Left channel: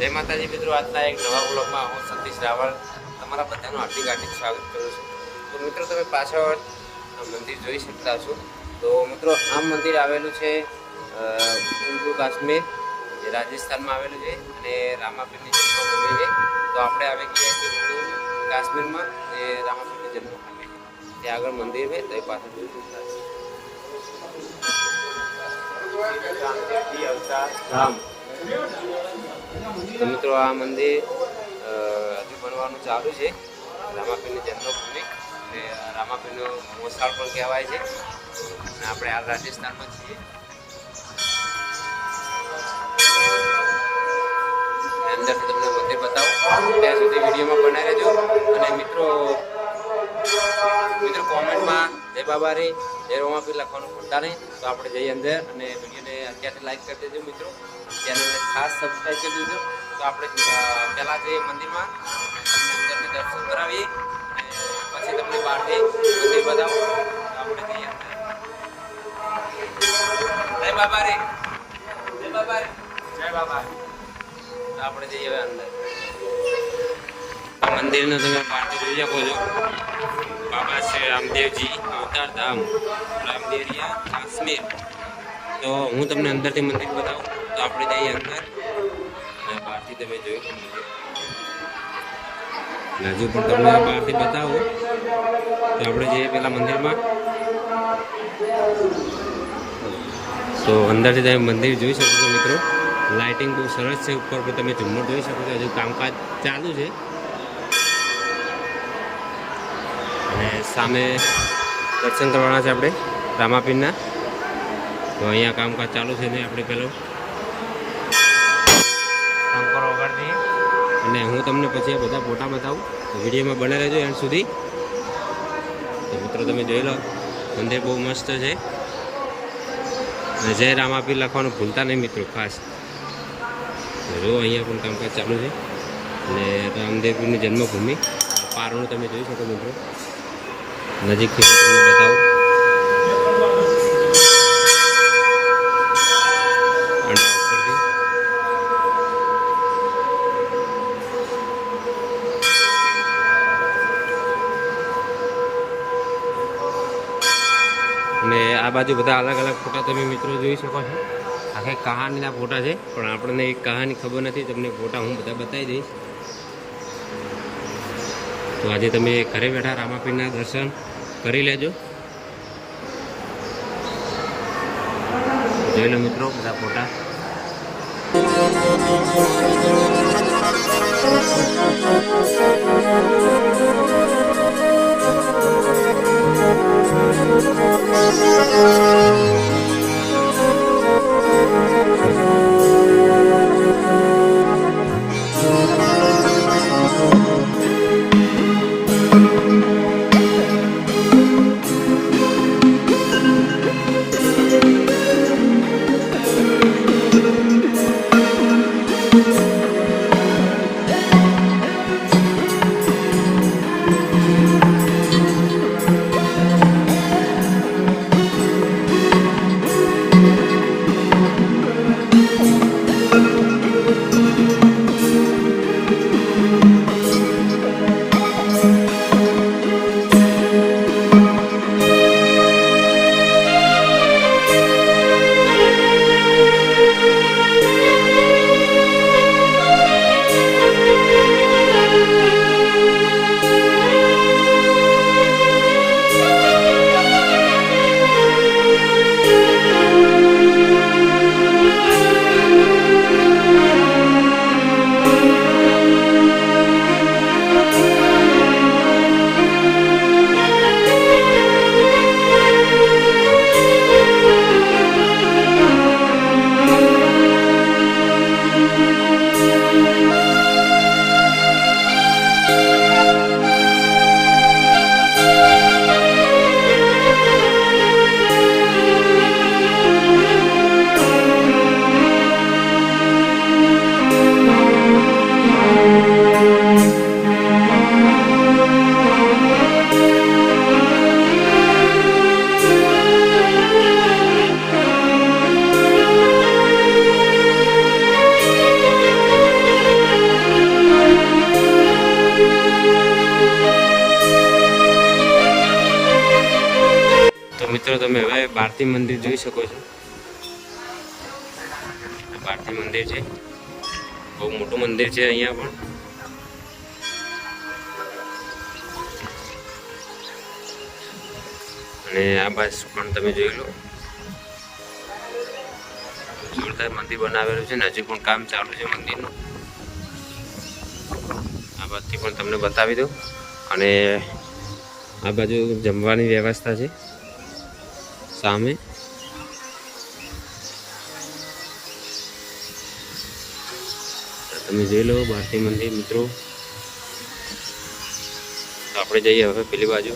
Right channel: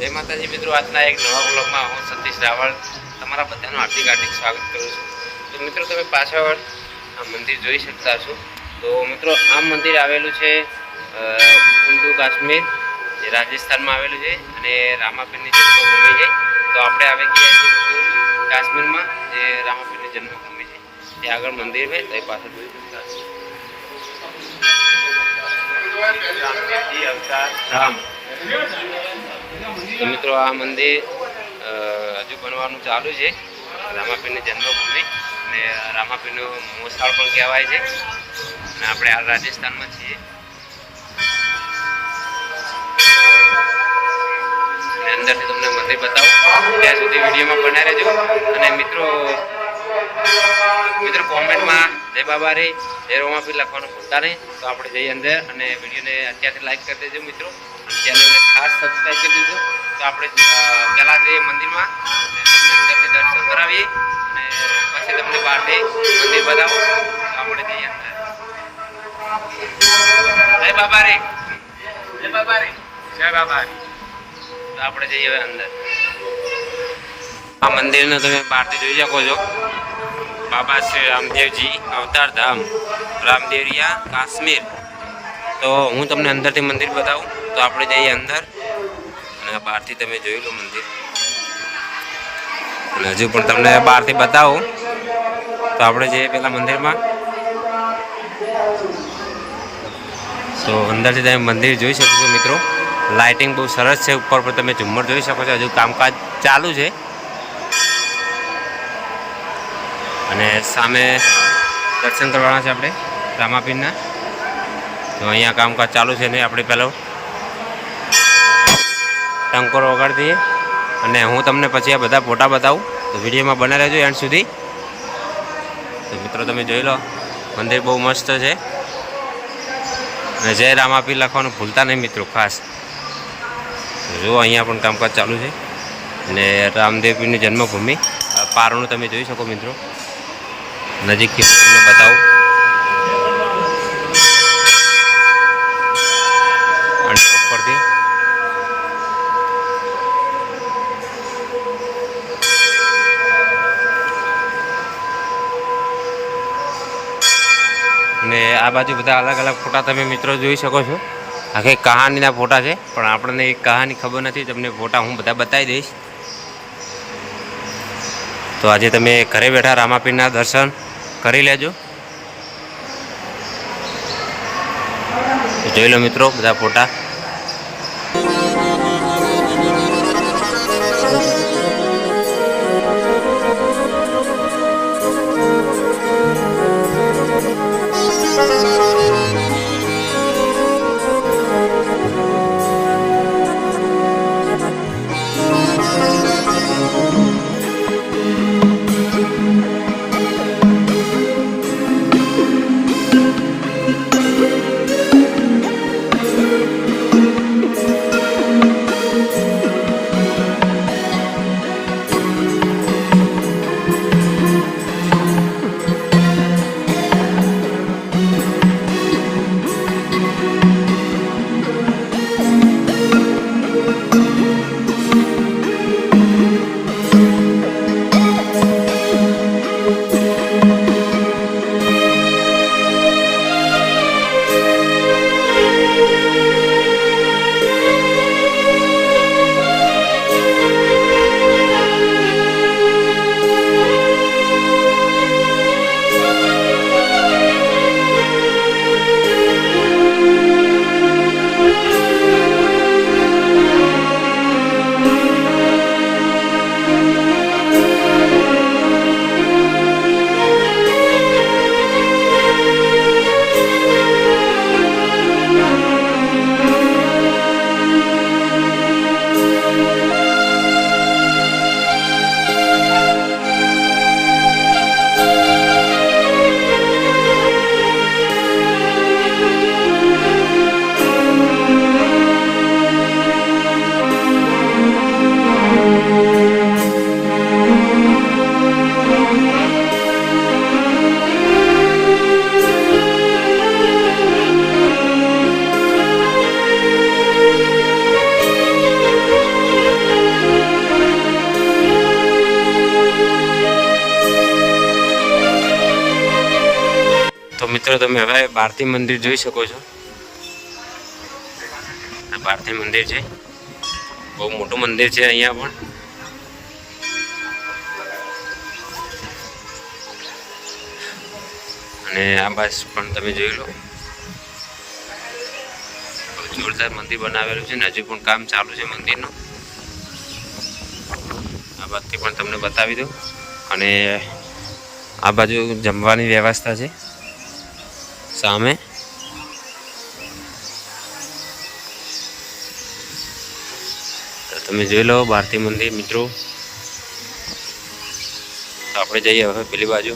જય માતાજી મિત્રો, આજના એક નવા બ્લોગમાં હું સતીશ રાવળ તમારા બધાનું હાર્દિક હાર્દિક સ્વાગત કરું છું. તો મિત્રો, તમે પાછળ આ મંદિર જોઈ શકતા છો. તો મિત્રો, આ મંદિર આવેલું છે હિન્દુ કાશ્મીર, જે રાજસ્થાનમાં આવેલું છે અને રામાપીરની જન્મભૂમિ છે. તો આપણે આવી ગયા છીએ કાશ્મીરમાં, જે રામાપીરની જન્મભૂમિ છે. તે આગળ મંદિર છે, તો એ પાછળ જોઈ શકતા છો. રામદેવજી અવતાર રામ તો મિત્રો, આ મંદિર હજુ બનવાનું ચાલુ છે. રામાપીરની જન્મભૂમિ અને રામાપીરનું મોસાળ પણ કહેવાય છે. અને આપણે હાલ રાજસ્થાનમાં છીએ. અંદરથી તમને મંદિર બતાવું. ત્યાં સુધી વિડીયોમાં બનાવી રહેજો. અને મિત્રો મિત્રો કોમેન્ટમાં જય બાબા રે જય રોમાપીર લખવાનું ભૂલતા નહીં. તો આપણે જઈએ અંદર અને વિડીયોને અત્યારથી લાઈક કરી દેજો મિત્રો. અને ચેનલને ખાસ સબસ્ક્રાઈબ કરી દેજો. તો આપણે પહેલાં જઈએ મંદિરમાં તમને અંદરથી દર્શન કરાવીએ અને પછી તમને બહારથી મંદિર બતાવું. તો આપણે જઈએ અંદર. જય બાબા રે. જય બાબા રે. જય બાબા તો આપણે જઈએ હવે અંદર. આ મંદિરને તમે બહારથી જોઈ શકો છો. બાબા શ્રી રામદેવજી, અવતાર ધામ રામદેવરિયા કાશ્મીર. તો હું તમને અંદરથી મંદિર બતાવું. તો આપણે જઈએ અંદર. અને બહારથી તમે જોઈ લો મંદિર. અને હજુ પણ તમને બહારથી બતાવું. તો આપણે જઈએ પેલા મંદિરમાં. તો અંદરથી તમે મંદિર જોઈ શકો છો મિત્રો. લાઇટિંગ બહુ સરસ છે. ઉપર પર તમે ઝુમ્મર જોઈ શકો છો. હજુ કામકાજ ચાલુ છે. અને સામે દર્શન કરવાના છે આપણે, રામાપીરના. તો અહીંયા કામકાજ ચાલુ છે ને, આપણે પહેલો ટંકોર વગાડી દઈએ. અને હું તમને પછી આ બધા ફોટા બતાવું. તો વિડીયોમાં બના રહેજો એન્ડ સુધી. તો મિત્રો, તમે જોઈ લો, મંદિર બહુ મસ્ત છે. અને જય રામાપીર લખવાનું ભૂલતા નહીં મિત્રો, ખાસ. જુઓ, અહીંયા પણ કામકાજ ચાલુ છે. અને રામદેવપીરની જન્મભૂમિ પારણું તમે જોઈ શકો મિત્રો. નજીકથી હું તમને બતાવું. અને ઉપરથી. આ બાજુ બધા અલગ અલગ ફોટા તમે મિત્રો જોઈ શકો છો. આખી કહાનીના ફોટા છે, પણ આપણને એ કહાની ખબર નથી, તમને ફોટા હું બધા બતાવી દઈશ. તો આજે તમે ઘરે બેઠા રામાપીરના દર્શન કરી લેજો. જોઈ લો મિત્રો બધા ફોટા. મિત્રો, તમે હવે ભારતી મંદિર જોઈ શકો છો. ભારતી મંદિર છે. બહુ મોટું મંદિર છે અહીંયા પણ. અને આ બસ પણ તમે જોઈ લો. જોરદાર મંદિર બનાવેલું છે ને હજુ પણ કામ ચાલુ છે મંદિરનું. આ બાજુથી પણ તમને બતાવી દઉં. અને આ બાજુ જમવાની વ્યવસ્થા છે. સામે તો તમે જોઈ લો ભારતી મંદિર, મિત્રો. તો આપણે જઈએ હવે પેલી બાજુ.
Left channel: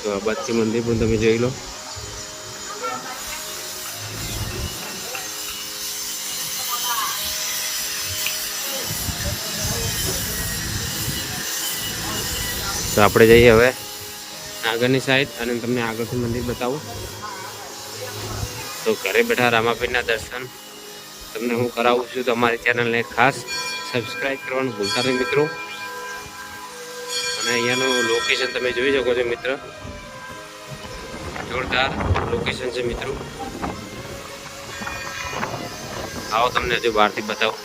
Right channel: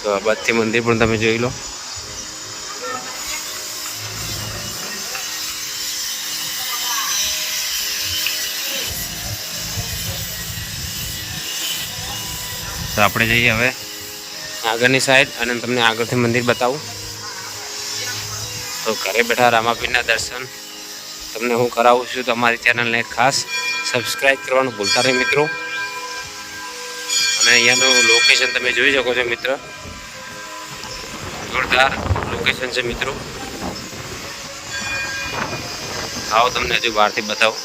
તો આ બાજુથી મંદિર પણ તમે જોઈ લો. તો આપણે જઈએ હવે. આગળની સાઈડ અને તમને આગળથી મંદિર બતાવું. તો ઘરે બેઠા રામાપીરના દર્શન તમને હું કરાવું છું. તમારી ચેનલને ખાસ સબસ્ક્રાઈબ કરવાનું ભૂલતા નહીં મિત્રો. અને અહીંયાનું લોકેશન તમે જોઈ શકો છો મિત્ર. જોરદાર લોકેશન છે મિત્રો. આવો તમને હજુ બહારથી બતાવો.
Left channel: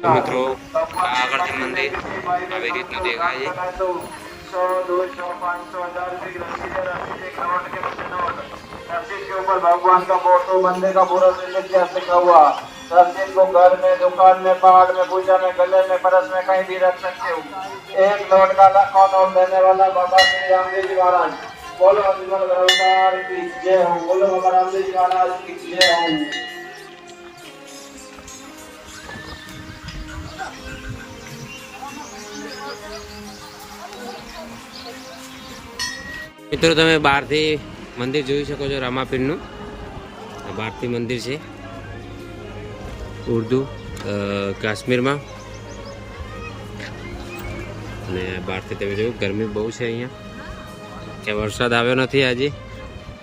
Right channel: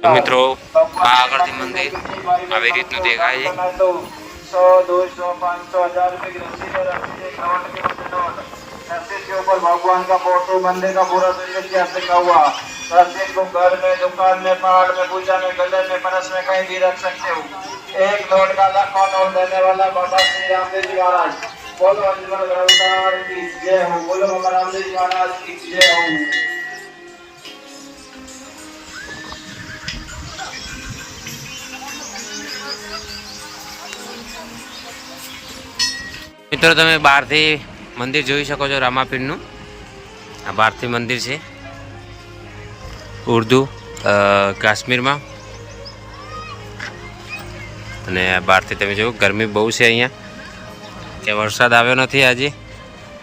તો મિત્રો આ આગળથી મંદિર આવી રીતનું દેખાય છે सौ दो सौ पाँच सौ हजार रुपए की रसीद है रसीद एक नोट के नीचे दो रसीद के ऊपर भगवान का फोटो मंदिर का पूरा इतिहास लिखा हुआ रसीद को घर में दुकान में पहाड़ में पूजा में गले में परस में कहीं भी रख सकते हो एक नोट का लाखों नोट देने वाला बाबा श्री रामदेव जी महाराज મિત્રો, તમે બહારથી મંદિર જોઈ શકો છો રામાપીરનું. આ બહારથી મંદિર છે. ઉર્દુ કાશ્મીરમાં. અને બહારથી તમે જોયું ગરમી બહુ છે અહીંયા. કે વરસાદ આવ્યો નથી આજે.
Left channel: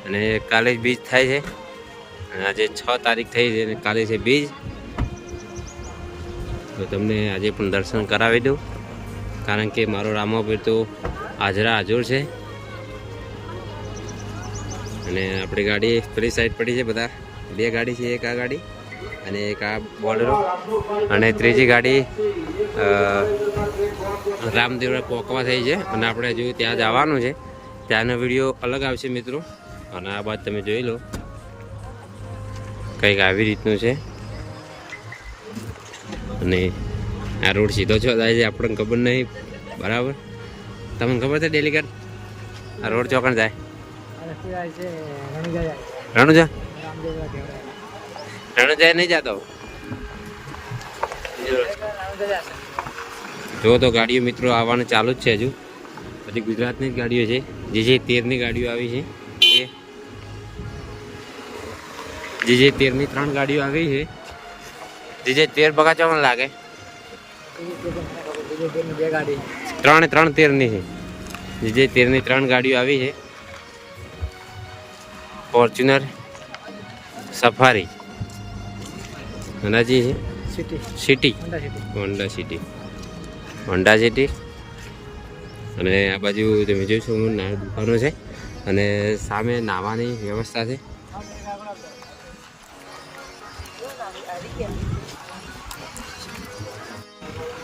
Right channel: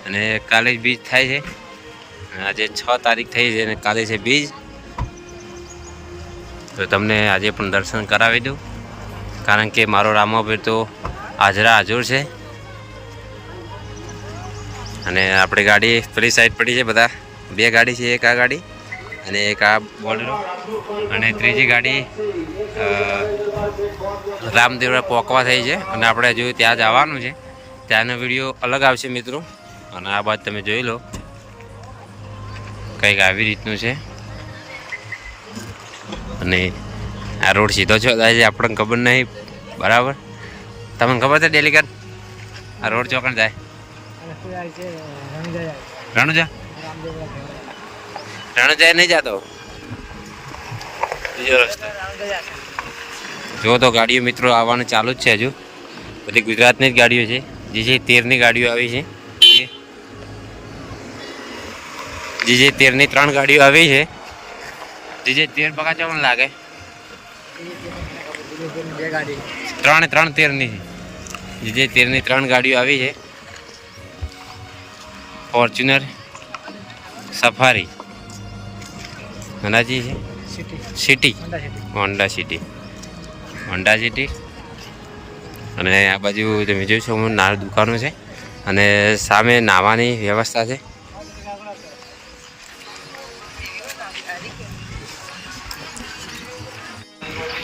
અને કાલે જ બીજ થાય છે. આજે છ તારીખ થઈ છે અને કાલે છે બીજ. તો તમને આજે પણ દર્શન કરાવી દઉં. કારણ કે મારો રામાભાઈ તો હાજરા હાજર છે. અને આપણી ગાડી પેલી સાઈડ પડી છે બધા. બે ગાડી છે, એક આ ગાડી અને એક આ બોલેરો. અને ત્રીજી ગાડી રામદેવરા પોકવા થઈ છે. અને આપણે હજુ ત્યાં જવાનું છે. ત્યાંનો વીડિયો અલગ આવશે મિત્રો. અને આ બાદ તમે જોઈ લો કંઈક આવી રીતનું છે. અને આ રોડ સીધો છો થાય છે આપણને ખબર નહીં. બરાબર? તમને ખબર છે ડેલીગર આ રોડ ચોકણ જાય. રણુજા રણુજા? નહીં જતો? રસ્તો. જો તો ગાડીઓ મિત્રો આવવાનું ચાલુ જ છે હજુ. બધી ગુજરાતની જ ગાડીઓ છે. જે જે તેરની ગાડીઓ આવી છે એ જે જે તેરની ત્રણ ગાડીઓ આવી છે જે જે તેર બગાચો મને લાગે. ત્રણ ત્રણ તેરની છે. જે જે તેરની ત્રણ ગાડીઓ આવી છે ફોર્ચ્યુનર સફારી હનાજી છે. City. Honda City. Honda City. અને આ બાજુ તમે જોઈ શકો નાની દુકાનો છે અને સામે નાવાની વ્યવસ્થા છે.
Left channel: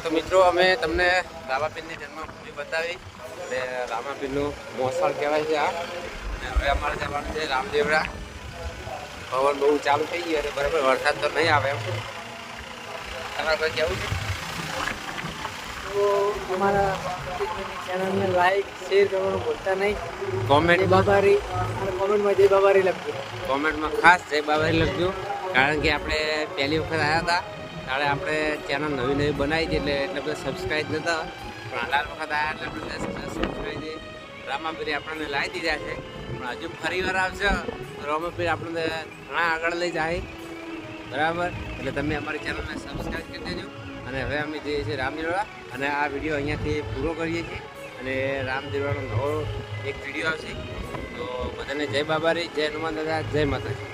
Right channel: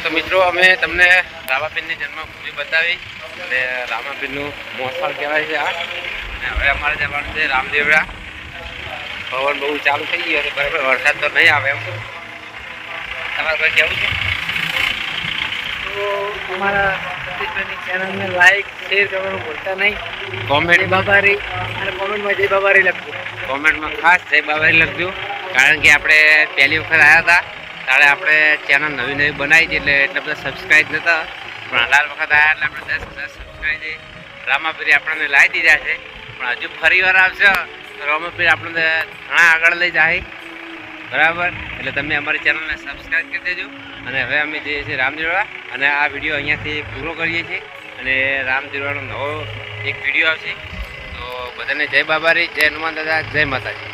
તો મિત્રો, અમે તમને રામાપીરની જન્મભૂમિ બતાવી અને રામાપીરનું મોસાળ કહેવાય છે આ. અને હવે અમારે જવાનું છે રામદેવડા. પવન બહુ ચાલુ થઈ ગયું અને બરાબર વરસાદ તો નહીં આવે એમ. તમારે કોઈ કેવું છે? તો અમારા ચેનલને લાઈક શેર કરવાનું ભૂલતા નહીં. કોમેન્ટ બાબારી અને કોમેન્ટમાં જય બાબારી લખજો. કોમેન્ટમાં ખાસ જય બાબારી લખજો કારણ કે આપણે પહેલી વખત આવ્યા હતા. ત્યારે આપણે ચેનલ નવી નવી બનાવી હતી એટલે એટલે બધા સબસ્ક્રાઈબ નહોતા પણ અઢાર વખત આવ્યા એટલે આપણે દસ દસ સબસ્ક્રાઈબ રામાપીરી આપણને લાવી દીધા છે. પણ હજુ ફરી વાર આવશે તો રામાપીર આપણને ઘણા આગળ લઈ જાય. બરાબર? એટલે તમે અમારી ચેનલને સબસ્ક્રાઈબ કરી દેજો. અને હવે અમે જઈએ છીએ રામદેવડા અને આ વીડિયો અહીંયાથી પૂરો કરીએ છીએ. અને રામદેવડાનો નવો એક વીડિયો આવશે. તો બધાને જય બાબારી, જય હનુમાન દાદા, જય માતાજી.